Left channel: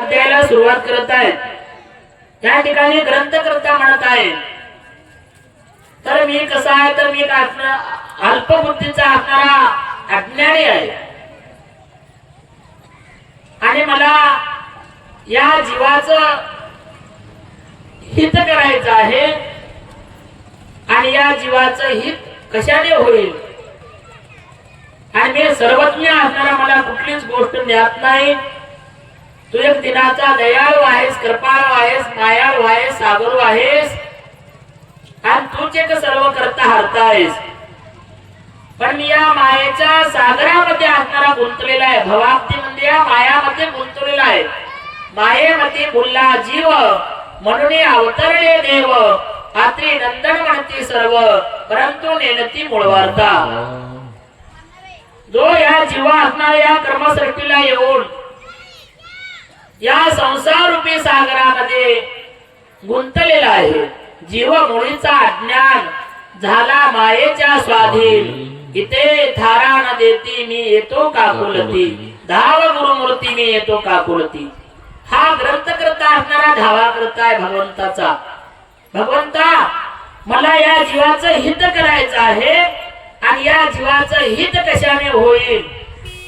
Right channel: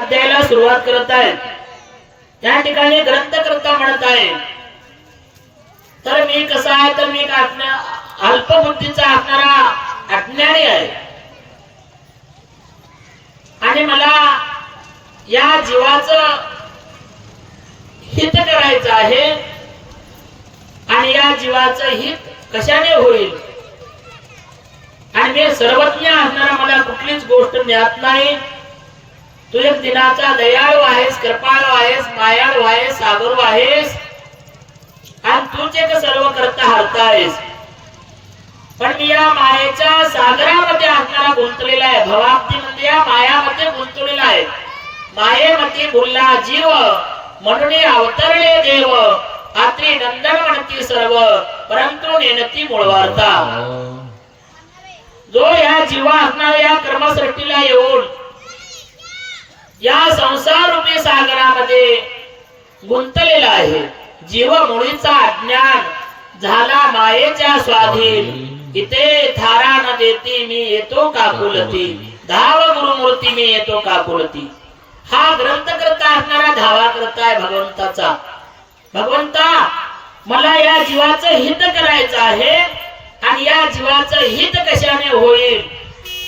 अध्यायाला सुरुवात करत आहेत। या ठिकाणी ग्रंथकर्ता म्हणत आहे, तर मी कसा आहे, तर मी अल्पबुद्धीचा असणारा अज्ञानी आहे आणि मला या जीवाचं हित करायचं आहे आणि या जीवाचं हित कशाने होईल आणि मी सर्वज्ञ असणारा मला कुठलीच गोष्ट ज्ञात नाही। तू एक दिनाचा दयाळू आहेस, कृपाळू आहेस, मायाळू आहेस, सागरू आहेस आणि तूच एक सर्व करता हरता आहेस। पण मी या मायेच्या सागरामध्ये असणारा गुंतलेला आहे, भवाब्दीमध्ये या मायामध्ये गुंतलेला आहे। मायेमध्ये बुलला जीव म्हणून अवतरले देव, आत्री नंदन म्हणती सर्व परंतु नेनती मूळवार्ता। जो या जीवा असणाऱ्या या कर्मसृष्टीला येऊन या संसार रूपी सागरामध्ये गुंतलेला आहे, जीव मुळीचा अज्ञान झाला मायेच्या स्वाधीन। इथे थारा न देती मी येतो काकुलती, धाव गुरुमूर्ती मी येतो काकुलती। हा ग्रंथकर्ता असणारा धावा करताय भगवंताचा। भगवंता मला या जीवाचं हित करायचं आहे आणि या जीवाचं हित कशाने होईल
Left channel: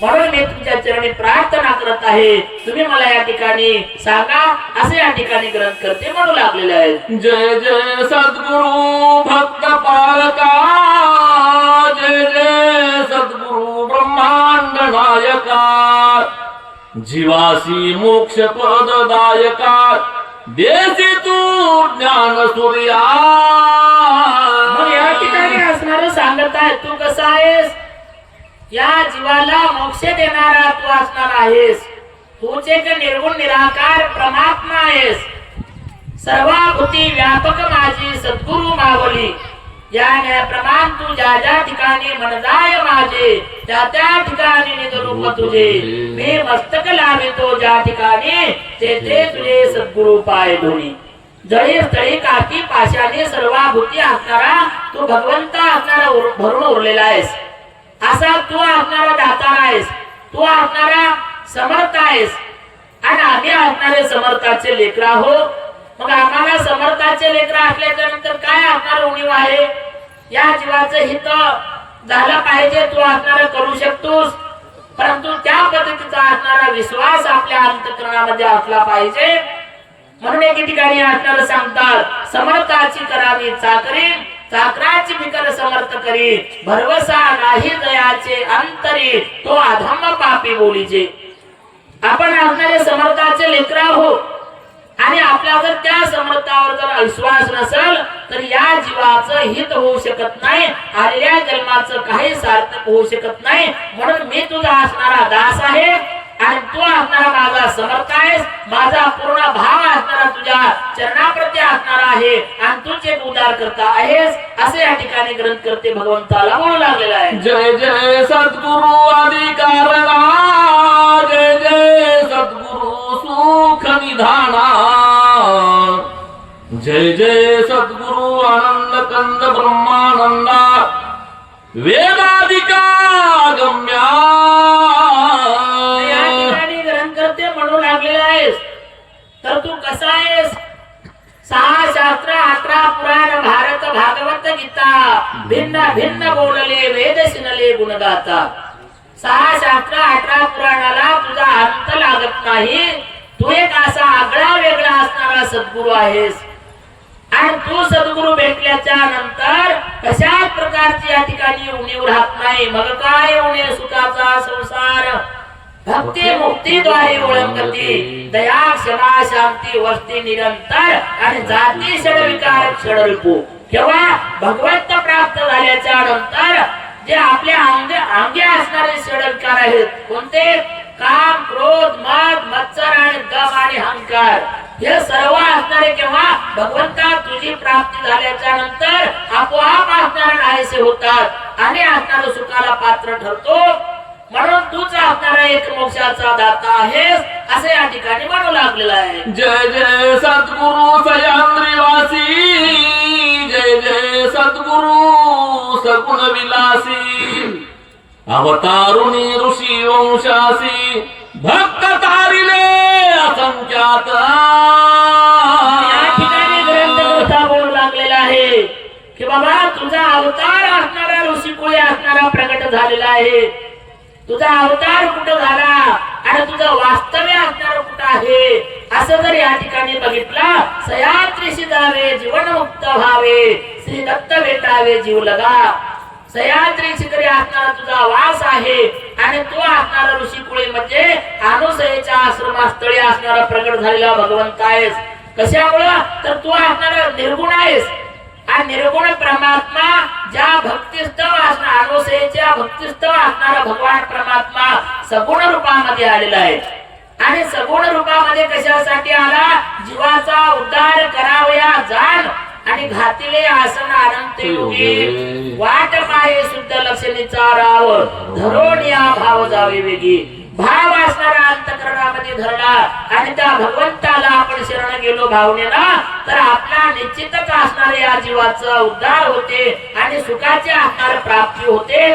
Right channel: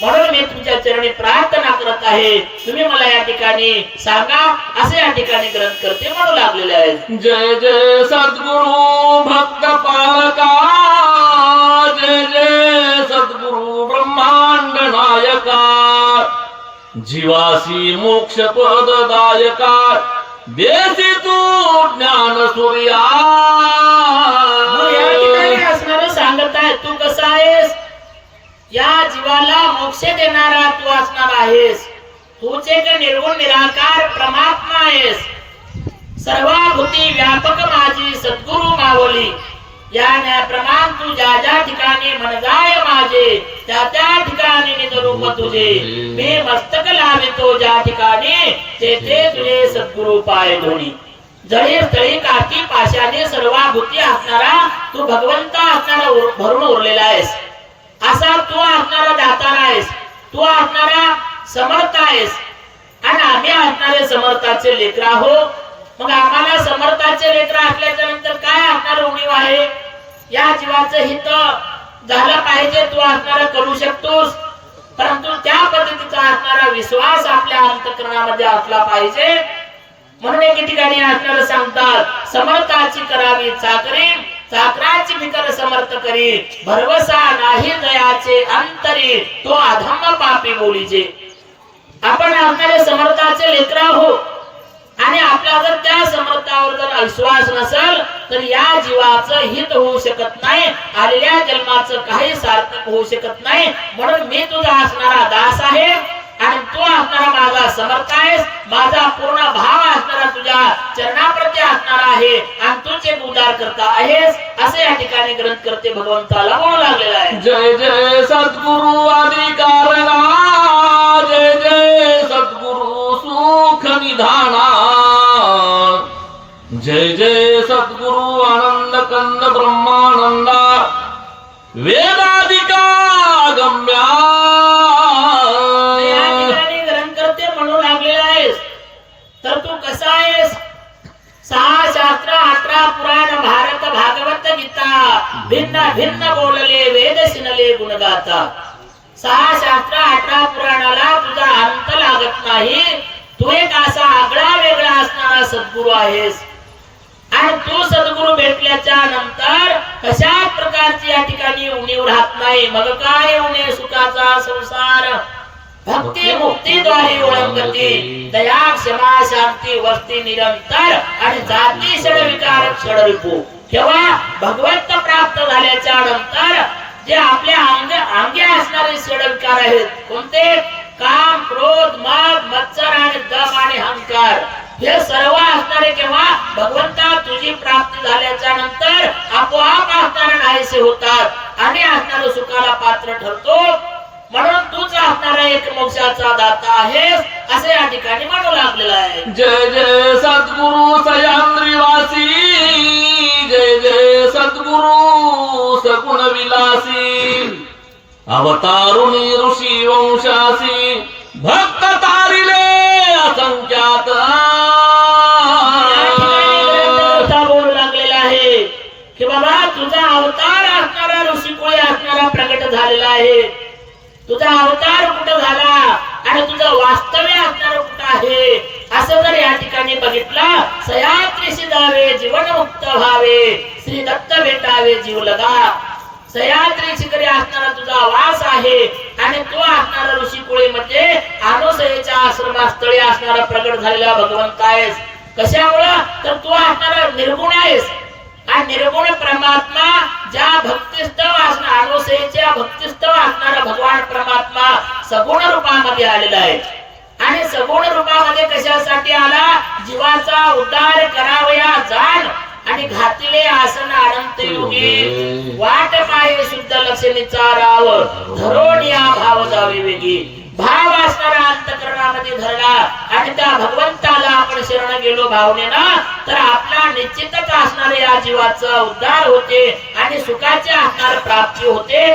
म्हणून मी तुमच्या चरणी प्रार्थना करत आहे, तुम्ही मला या ठिकाणी सांगा, असे या ठिकाणी ग्रंथ करते म्हणू लागलेले आहेत। जय जय सद्गुरु भक्त पालका, जय जय सद्गुरु ब्रह्मांड नायका, जीवासी मोक्ष पददायका, देसी तू ज्ञान सूर्या। या ठिकाणी असणार सांगत आहे, तू कसा आहेस, या जीवाला मोक्ष देणारा तू असणार आहेस। तूच एक निर्गुण निराकार परमात्मा आहेस, सर्वभूती व्यापक माझी सद्गुरु मावली। या न्यायप्रमाण तू ज्या ज्या ठिकाणी मनजाय माझे, त्या त्या ठिकाणी निज रूप तुझे मी मस्तक लावितो, ज्या ठिकाणी तेथे तुझे सद्गुरु पाय धोनी। जळी स्थळी काठी पाशाने सर्वभूती असणारा तू भगवंता असणारा भरून उरलेला आहेस। असा तू असणारा दातार आहेस, तू असणारा समर्थ आहेस आणि आम्ही असणारे समर्थाचे लेकर आहोत। मग आम्हाला समर्थाचे लेकर असल्याच्या नंतर काय असणार उणीव आहे, या जीवाचं हित झालं पाहिजे, तू असणारा करू शकतोस, परंतु त्या पद्धतीचा असणारा विश्वास आपल्या अंतःकरणामध्ये असला पाहिजे। म्हणून एके ठिकाणी असणारा सांगतात, समर्थाची करावी चाकरी, चाकराची फिकर समर्थ करी, भरवसा नाही दयाचे अंतरी, तो अधम्म पापी बोलीचे। आपण असणारे समर्थाचे लेकर आहोत आणि आपला जर त्या समर्थावर जर विश्वास नसेल तर या जीवाचं हित होऊ शकत नाही, आलेल्या जन्माचं काही सार्थक होऊ शकत नाही। म्हणून मी तुझा असणारा दास आहे आणि तू असणारा माझा समर्थ आहेस, माझा पूर्ण भाव असणारा तुझ्या चरणाप्रती असणारा आहे आणि तूच एक उद्धार करता आहेस, असे या ठिकाणी ग्रंथ करते भगवंताला बोलू लागलेला आहे। जय जय सद्गुरु आदिकारणा, जय जय सद्गुरु सुख निधाना, जय जय सद्गुरु आनंद कंद ब्रह्मानंदा, वेदाधिका गम्या। या ठिकाणी ग्रंथ करते म्हणू लागलेला आहेस, तर तू कसा आहेस, 6 शास्त्र 18 पुराण भारत भागवत गीता, भिन्न भिन्न बोलले वेद सिनले गुणगाता। 6 शास्त्र 18 पुराणाला तुझा अंत लागत नाही, तू एक असा आगळा वेगळा असणारा सद्गुरु आहेस आणि तू सद्गुरु भेटल्याच्या नंतर कशा प्रकारची या ठिकाणी उणीव राहत नाही। मग काय उणे सुखाचा संसार, भक्ती मुक्तीद्वारे ओळंगती, दया क्षमा शांती वस्ती निरंतर आणि जाती षडविकार षडरूपो। तेव्हा भगवंत प्राप्त झाल्याच्या नंतर जे आपल्या अंगी असणारे षडविकार आहेत, कोणते, काम क्रोध मद मत्सर आणि दम आणि अहंकार, हे सर्व असणारे केव्हा भगवंता तुझी प्राप्ती झाल्याच्या नंतर आपोआप असणारे नाहीसे होतात आणि असणारं सुखाला पात्र ठरतो। म्हणून तूच असणारा एक मोक्षाचा दाता आहेस, असे या ठिकाणी म्हणू लागलेला आहे। जय जय सद्गुरु सह्याद्रीवासी, जय जय सद्गुरु सगुण विलासी, अवतारुणी ऋषी वंशासी, भक्त तारिले असंख्य जगात या ठिकाणी ग्रंथकर्ता बोलू लागलेला आहे की बाबा तुझा अवतार असणारा ऋषिकुळे असणारा प्रगट झालेला आहे. तुझा अवतार कुठं झाला आणि तुझं वास्तव्य असणार कुठं आहे असं जर या ठिकाणी बघितलं, सह्याद्रीशी जावे जीवन मुक्त व्हावे, श्री दत्त भेटावे जीव लगा. सह्याद्री शिखरी असणारा तुझा वास आहे आणि तो असणारा ऋषिकुळे मध्ये अनुसयेच्या आश्रमास्थळी असणारा प्रगट झालेला भगवंत आहेस. कशामुळं तर तू असणारा निर्गुण आहेस आणि निर्गुण परमात्मा ज्या भक्तिस्तव असणार अनुसयेच्या भक्तिस्तव असणारा भगवान परमात्मा सगुण रूपामध्ये आलेला आहे. आणि सगुण रूपामध्ये कशासाठी आला? जीवाचा उद्धार करावया जाण आणि घातिले आसन अनंत युगी, वाट पाये शुद्ध लक्षणी चाराव, धरोनिया भाव जावे वेगी. भाव असणारा अंतःकरणामध्ये धरला आणि त्या भगवंताला आपण शरण गेलो भावनेनं तर आपला निश्चितच असणारे या जीवाचा उद्धार होते आणि सुखाची असणारी प्राप्ती होते.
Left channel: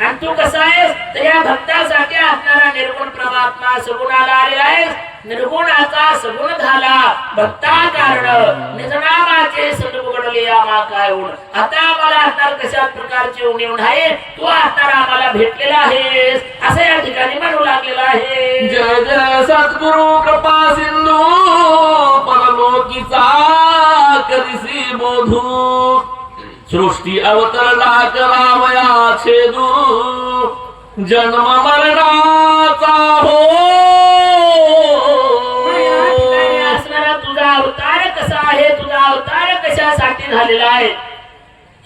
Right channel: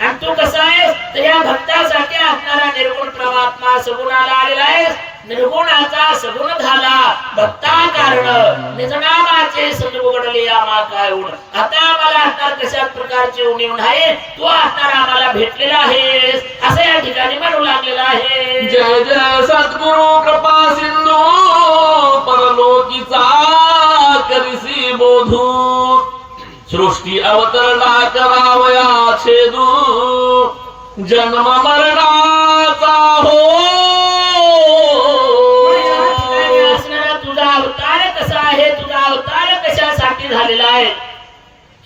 आणि तू कसा आहेस तर या भक्तासाठी असणारा निर्गुण परमात्मा सगुणाला आलेला आहेस. निर्गुणाचा सगुण झाला भक्ता कारण निजनामाचे संगुगडले आम्हा काय उण. आता आम्हाला असणार कशा प्रकारची उणीव आहे, तू असणार आम्हाला भेटलेला आहेस असं या ठिकाणी म्हणू लागलेला आहे. जय जय सद्गुरु कृपा सिंधू परलोकीचा करिसी बोधू, सृष्टी अवतरणा करावया छेदू, जन्म मरणाचा हो. असणारा तुझा अवतार कसा आहे, तुझा अवतार कशासाठी झालेला आहे?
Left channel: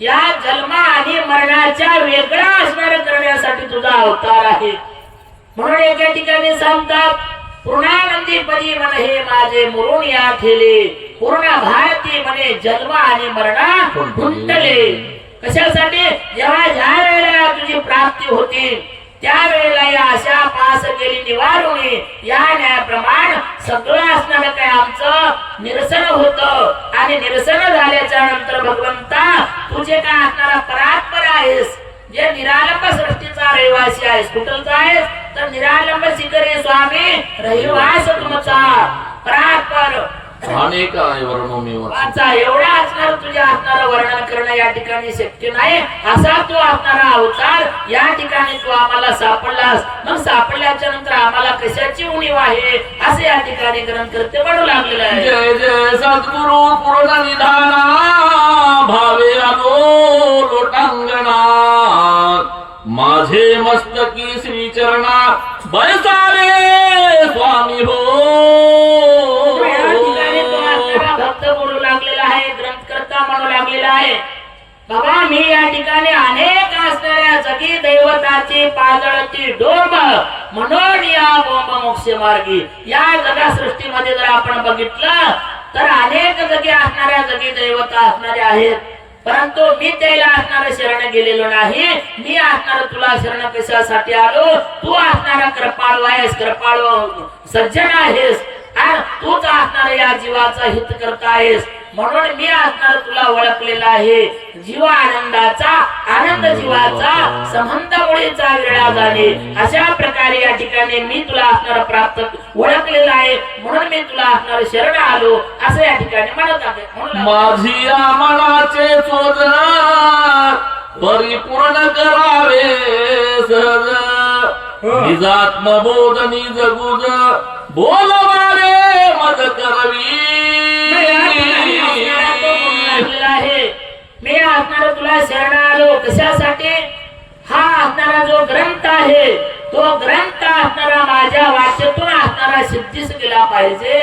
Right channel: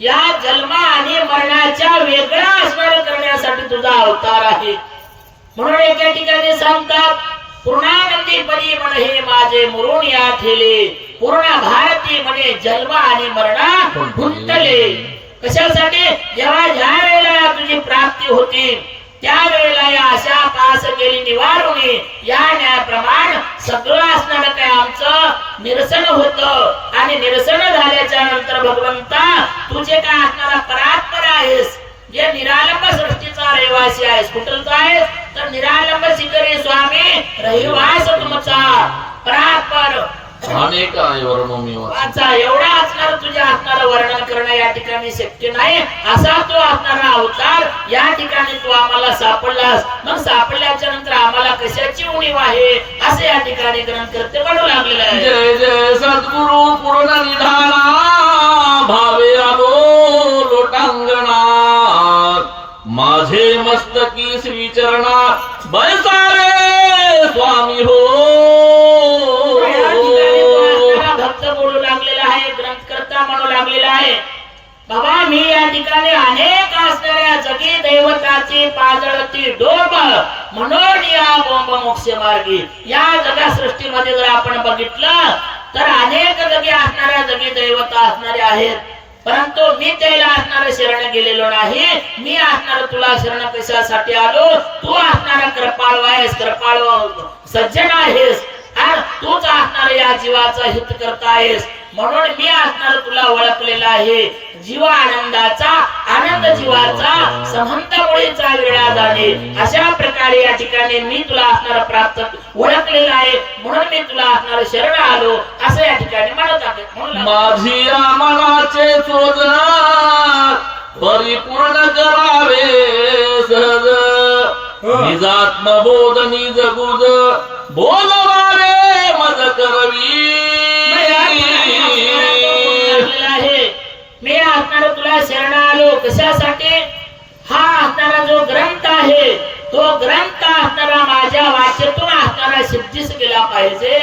या जन्म आणि मरणाच्या वेगळा असणार करण्यासाठी तुझा अवतार आहे. म्हणून एका ठिकाणी सांगतात, पूर्णानंदी पदी मन हे माझे मुरून या ठेले, पूर्ण भारती म्हणे जन्म आणि मरणा गुंतले. कशासाठी? जेव्हा ज्या वेळेला तुझी प्राप्ती होती त्या वेळेला या आशा पास केली निवारुणे, या न्यायप्रमाण सगळं असणारं काय आमचं निरसन होतं. आणि निरसन झाल्याच्या नंतर भगवंता तुझे काय असणारा परात्पर आहेस, जे निरालंब सृष्टीचा रहिवासी आहेस. कुठलचा आहेस तर निरालंब शिखरी स्वामी रहिवास तुमचा परात्पर अनेक वाचा. एवढा असणार तुझ्या असणारं वर्णन करणं या ठिकाणी शक्य नाही. असा तू असणारा अवतार या ठिकाणी तू आम्हाला सापडलास. मग सापडल्याच्या नंतर आम्हाला कशाची उणीव आहे असं या ठिकाणी ग्रंथकर्ते म्हणू लागलेलं आहे. जय जय सद्गुरु पूर्ण निधाना, भावे आलो लोटांगणा, माझे मस्तकी श्री चरणा बैसारे स्वामी हो. बाबा मी या ठिकाणी अनेक असणाऱ्या जगी दैवताची पाजळती डोंब म्हणून या बोंब मोक्ष मार्गी या जगा सृष्टीमध्ये जर आपण बघितलं तर अनेक जगी असणाऱ्या जगी दैवता असणारे आहेत. परंतु मी त्याला असणार शरण गेलेलो नाही. मी असणार तुला शरण कशासाठी आलो? तू असणारा कृपाळू आहेस, कृपाळू सज्जन आहेस आणि तूच असणार या जीवाचा हित करता आहेस. म्हणून मी असणार तुला ओळखलेला आहे. जीव आनंदाचा आनंद जीवाचा संबंध मुळेचा विरळा जाणे अशा प्रकारे या ठिकाणी मी तुला असणार प्राप्त ओळखलेला आहे. म्हणून मी तुला असणार शरण आलो असं या ठिकाणी म्हणत आहे. म्हणून माझी या मनाचे चोदना परिपूर्ण करावे सहज, निजात्मबोध निज गुज बोलवारे मज करवी. मी असणार तुला शरण आलो कशासाठी? हा असणारा जो ग्रंथ आहे तो ग्रंथ असणारा माझ्या वाचेतून असणारा सिद्धीस गेला पाहिजे.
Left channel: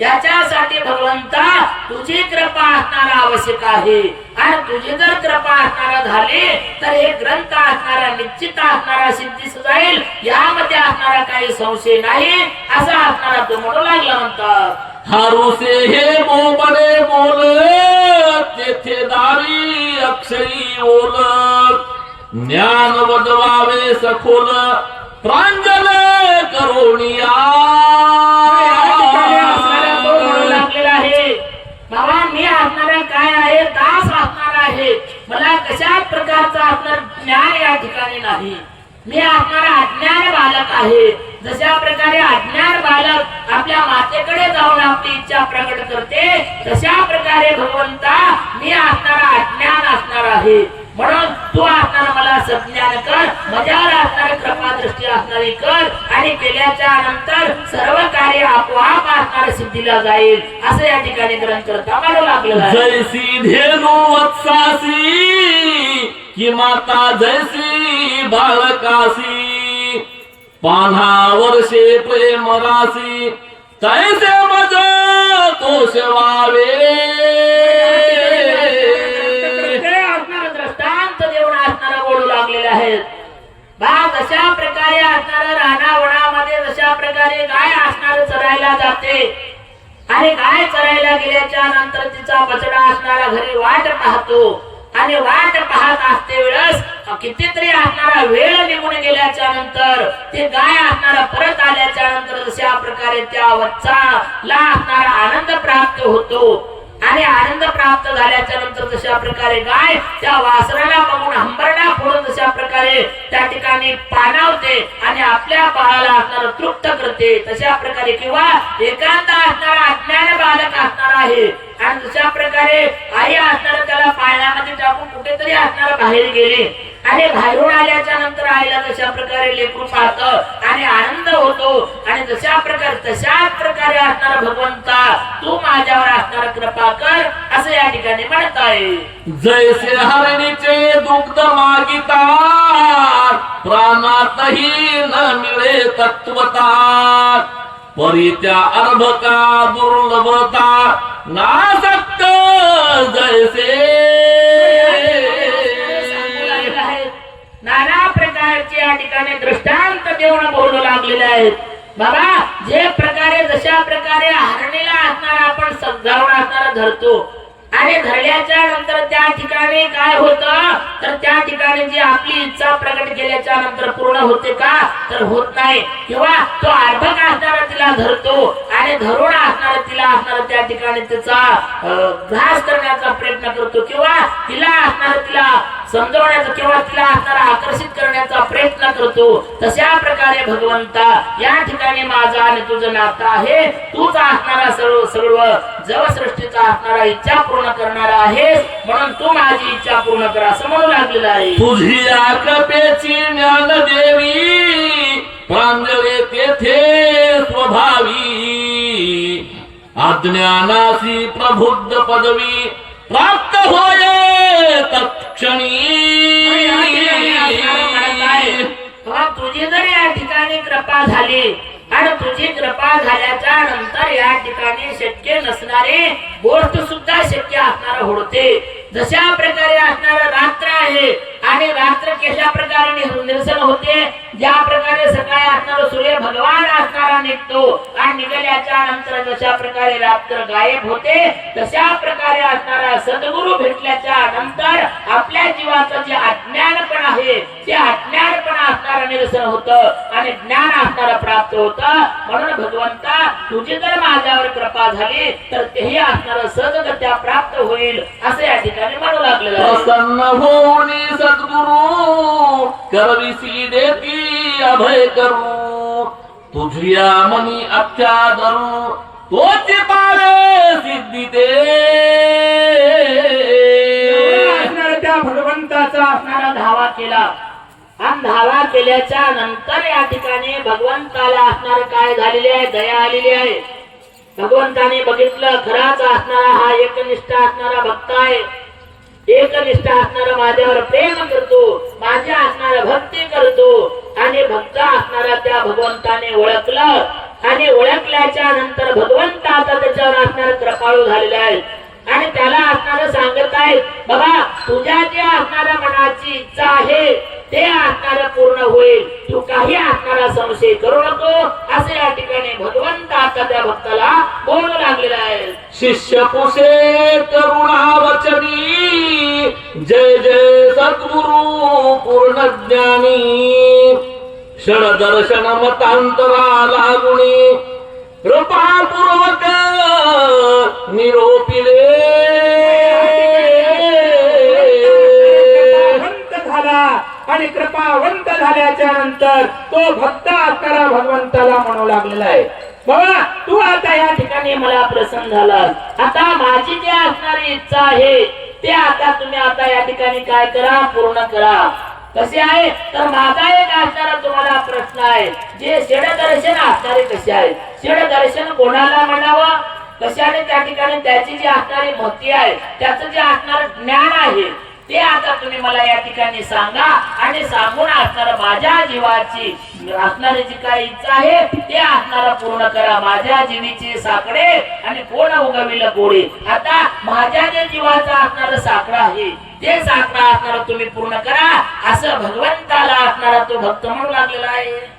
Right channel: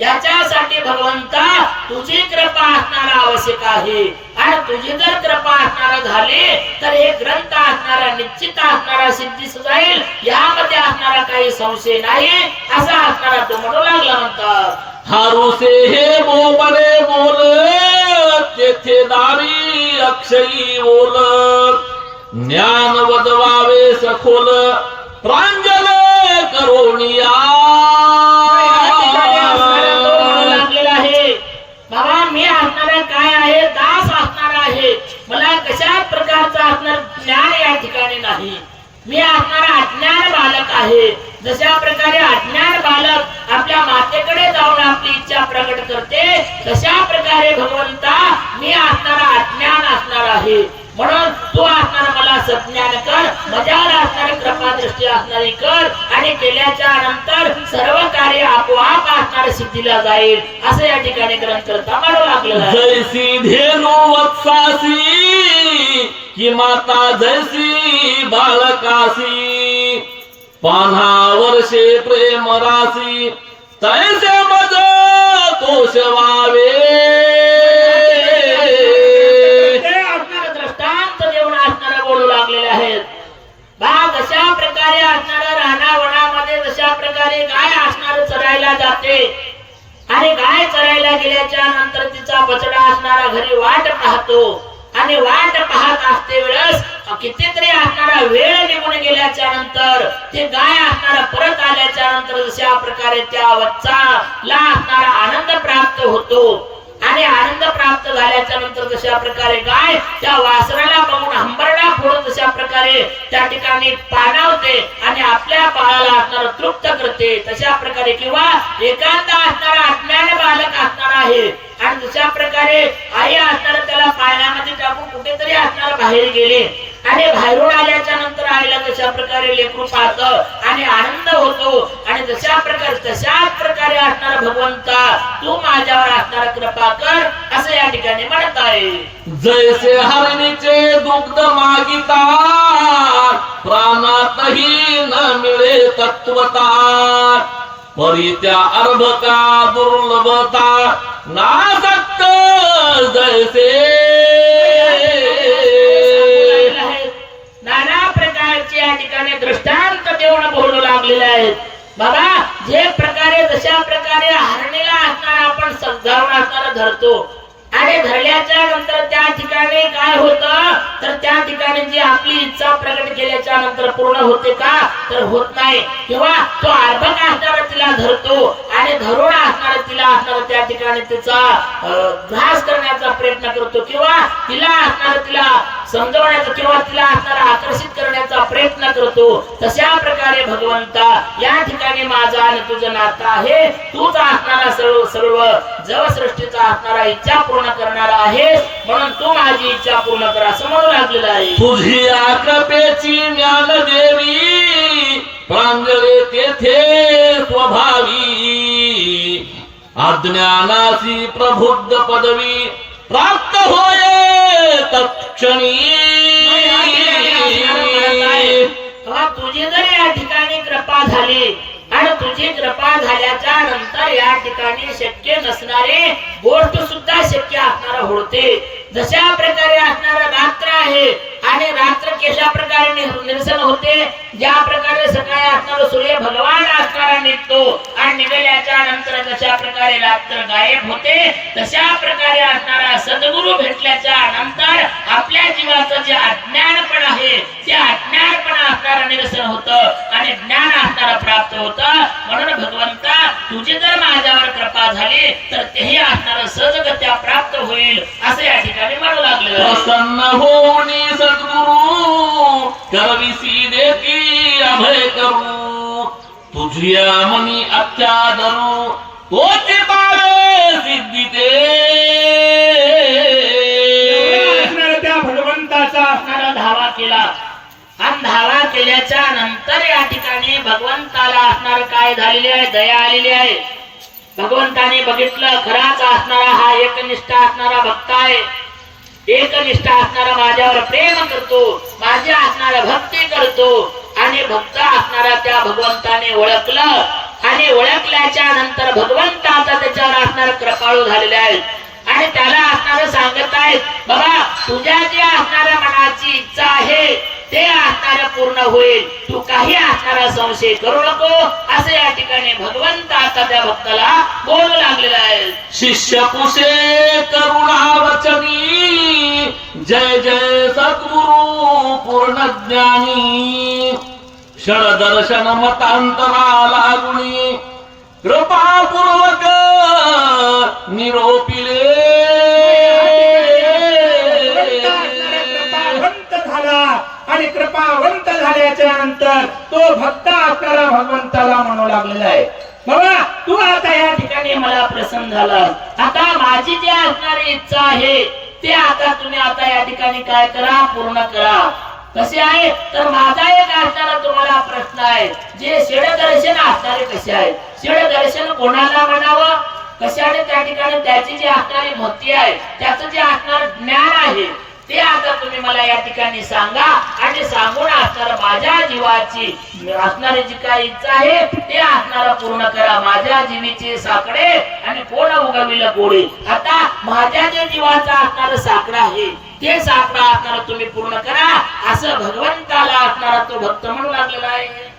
याच्यासाठी भगवंता तुझी कृपा असणारा आवश्यक आहे. आणि तुझी जर कृपा असणारा झाली तर हे ग्रंथ असणारा निश्चित असणारा सिद्धीस जाईल. यामध्ये असणारा काही संशय नाही असा असणारा तो म्हणू लागला. म्हणतात हारुसे हे बोबडे बोल, तेथे दारी अक्षयी बोल, ज्ञान वदवावे सखोल प्रांजल करोनिया. बाबा मी असणारा काय आहे? दास असणार आहे. मला कशा प्रकारचा असणार ज्ञान या ठिकाणी नाही. मी असणारा अज्ञान बालक आहे. जशा प्रकारे अज्ञान बालक आपल्या मातेकडे जाऊन तशा प्रकारे भगवंता मी असणारा अज्ञान असणार आहे, म्हणून तू असणारा मला सज्ञान कर, माझ्यावर असणारी कृपा दृष्टी असणारी कर, आणि केल्याच्या नंतर सर्व कार्य आपोआप असणाऱ्या सिद्धीला जाईल, असं या ठिकाणी ग्रंथकर्ता म्हणू लागलेला आहे. जैसी धेनु वत्सासी की माता जैसी बाळकासी, पान्हा वर्षे प्रेम रासी तैसे मज तोष व्हावे. दृष्टांत देऊन असणारा बोलू लागलेले आहेत. जशा प्रकारे असणारा रानावनामध्ये जशा प्रकारे गाय असणार चरायला जाते, आणि गाय चरायला गेल्याच्या नंतर तिचा बछडा असणारा घरी वाट पाहतो, आणि वाट पाहत असते वेळेस कितीतरी असणारा वेळ निघून गेल्याच्या नंतर ते गाय असणारा परत आल्याच्या नंतर जशा प्रकारे त्या वत्साला असणारा आनंद प्राप्त होतो, आणि आनंद प्राप्त झाल्याच्या नंतर जशा प्रकारे गाय त्या वासराला बघून हंबरडा फोडून जशा प्रकारे त्या ठिकाणी पाणावते आणि आपल्या बाळाला असणारा तृप्त करते, तशा प्रकारे किंवा एकांत असणारा अज्ञान बालक असणार आहे, आणि जशा प्रकारे आई असणारा त्याला पाळण्यामध्ये टाकून कुठेतरी असणारा बाहेर गेले, आणि बाहेरून आल्याच्या नंतर आईला जशा प्रकारे लेकरू पाहतं आणि आनंद होतो, आणि जशा प्रकारे तशाच प्रकारे असणारा भगवंता तू माझ्यावर असणारा कृपा कर, असं या ठिकाणी म्हणत आहे. जैसे हरणीचे दुग्ध मागिता प्राणातही न मिळे तत्वता, परी त्या अर्भका दुर्लभता नासक्त जैसे. नाना प्रकारचे या ठिकाणी दृष्टांत देऊन बोलू लागलेले आहेत. बाबा जे प्रकारे जशा प्रकारे हरणीला असणारा आपण समजावून असणारा धरतो, आणि धरल्याच्या नंतर त्या ठिकाणी काय होतं, तर त्या ठिकाणी जी आपली इच्छा प्रकट केल्याच्या नंतर पूर्ण होते का, तर होत नाही, किंवा तो अर्भक असणारा तिला धरतो, आणि धरून असणारा तिला असणारा त्या ठिकाणी तिचा घास करण्याचा प्रयत्न करतो, किंवा तिला असणारा तिला समजवण्याचा किंवा तिला असणारा आकर्षित करण्याचा प्रयत्न करतो. तशा प्रकारे भगवंता या ठिकाणी माझा आणि तुझं नातं आहे, तूच असणारा सर्व सर्व जगसृष्टीचा असणारा इच्छा पूर्ण करणारा आहेस, म्हणून तू माझी इच्छा पूर्ण कर, असं म्हणू लागलेलं आहे. तुझी कृपेची ज्ञान देवी प्रांजळे तेथे स्वभावी, अज्ञानासी प्रबुद्ध पदवी प्राप्त होय तत्क्षणी. तुझी जर या ठिकाणी कृपा झाली, आणि तुझी कृपा झाल्याच्या नंतर या ठिकाणी शक्य नसणारे गोष्ट सुद्धा शक्य असणारा होते. जशा प्रकारे असणारा रात्र आहे, आणि रात्र कशा प्रकारे निरसन होते, ज्या प्रकारे सकाळी असणारा सूर्य भगवान असणारा निघतो, आणि निघाल्याच्या नंतर जशा प्रकारे रात्र गायब होते, तशा प्रकारे असणारा सद्गुरु भेटल्याच्या नंतर आपल्या जीवाचं जे अज्ञानपण आहे ते अज्ञानपण असणारा निरसन होतं, आणि ज्ञान असणारा प्राप्त होतं. म्हणून भगवंता तुझी जर माझ्यावर कृपा झाली तर तेही असणारा सहजगत्या प्राप्त होईल, असं या ठिकाणी म्हणू लागलेलं आहे. प्रसन्न होऊनी सद्गुरु करविसी देती अभय करू, तुझिया मनी अत्यादरू तोचे पावे सिद्धी ते. त्या भगवंताचा असणारा धावा केला, आणि धावा केल्याच्या नंतर या ठिकाणी भगवंताला असणार काय झालेले आहे, दया आलेली आहे. भगवंताने बघितलं खराच असणारा हा एकनिष्ठ असणारा भक्त आहे, एकनिष्ठ असणारा माझ्यावर प्रेम करतो, माझ्या असणारा भक्ती करतो, आणि भक्त असणारा त्या भगवंताने ओळखलं, आणि ओळखल्याच्या नंतर भगवंताचा त्याच्यावर असणारा कृपाळू झालेले आहेत, आणि त्याला असणारं सांगत आहेत, बाबा तुझ्या जे असणाऱ्या मनाची इच्छा आहे ते असणारं पूर्ण होईल, तू काही असणारा संशय करू नको, असं या ठिकाणी भगवंत आता त्या भक्ताला बोलू लागलेला आहे. शिष्य पुषे करुणा वचनी, जय जय सद्गुरु पूर्ण ज्ञानी, क्षण दर्शन मतांतरा लागुणी, कृपापूर्वक निरोपिले. आणि कृपावंत झाल्याच्या नंतर तो भक्त असणारा भगवंताला म्हणू लागलेला आहे. बाबा तू आता या ठिकाणी मला प्रसन्न झाला. आता माझी जी असणारी इच्छा आहे ते आता तुम्ही आता या ठिकाणी काय करा, पूर्ण करा. कसे आहे तर माझा एक असणारा तुम्हाला प्रश्न आहे, जे षडदर्शन असणारे कसे आहे, षडदर्शन कोणाला म्हणावं, कशाने त्या ठिकाणी त्याची जी असणारी भक्ती आहे, त्याचं जे असणार ज्ञान आहे ते आता तुम्ही मला या ठिकाणी सांगा. आणि सांगून असणारा माझ्या जीवाची असणारी जी काही इच्छा आहे ते असणारा पूर्ण करा. माझ्या जीवीचे साकडे आणि कोण उगविल गोडे. आता माझ्या जे जीवाचा असणारा साकडा आहे ते साकडा असणारा तुम्ही पूर्ण करा, असं भगवंताला असणारा तो भक्त म्हणू लागलेला आहे.